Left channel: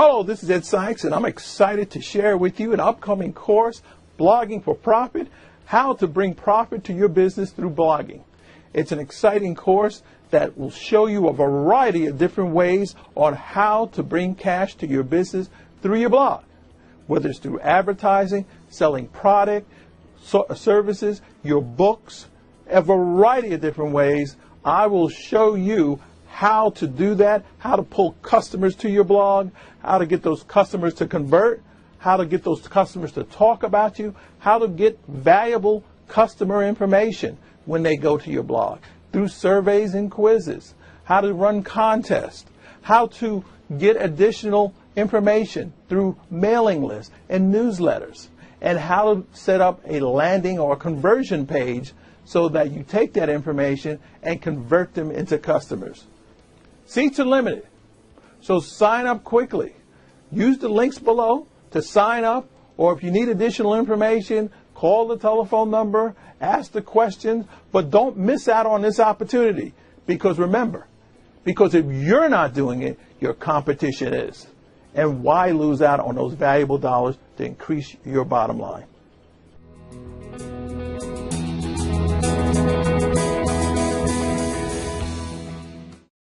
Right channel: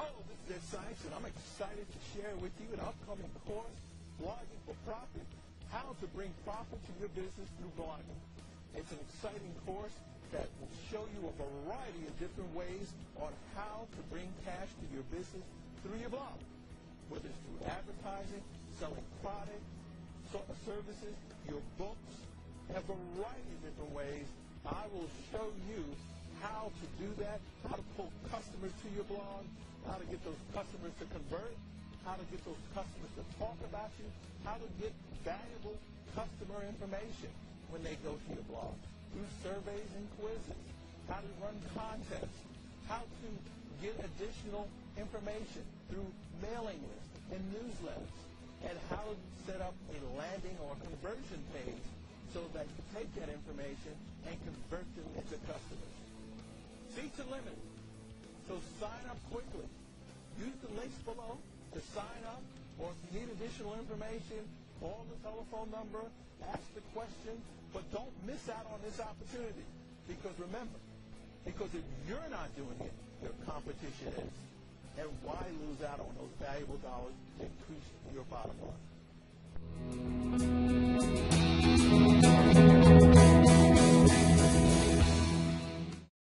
Hello, this is Ed Sykes, and I'm excited to share with you an upcoming course, Blogging for Profit, How to Bring Profit to Your Business Through Blogging. It's an exciting course that will show you a variety of different ways on how to bring cash to your business through your blog, whether it's through advertising, selling product, services, your books, a variety of different ways. I will show you how to do that, how to pull customers to your blog, how to get those customers to convert, how to get those customers to talk about you, how to get valuable customer information when they go to your blog, through surveys and quizzes, how to run contests, how to get additional information through mailing lists and newsletters, and how to set up a landing or a conversion page so that you take that information and convert them into customers. Seats are limited, so sign up quickly. Use the links below to sign up, or if you need additional information, call the telephone number, ask the questions, but don't miss out on this opportunity, because remember, because if you're not doing it, your competition is. And why lose out on those valuable dollars to increase your bottom line?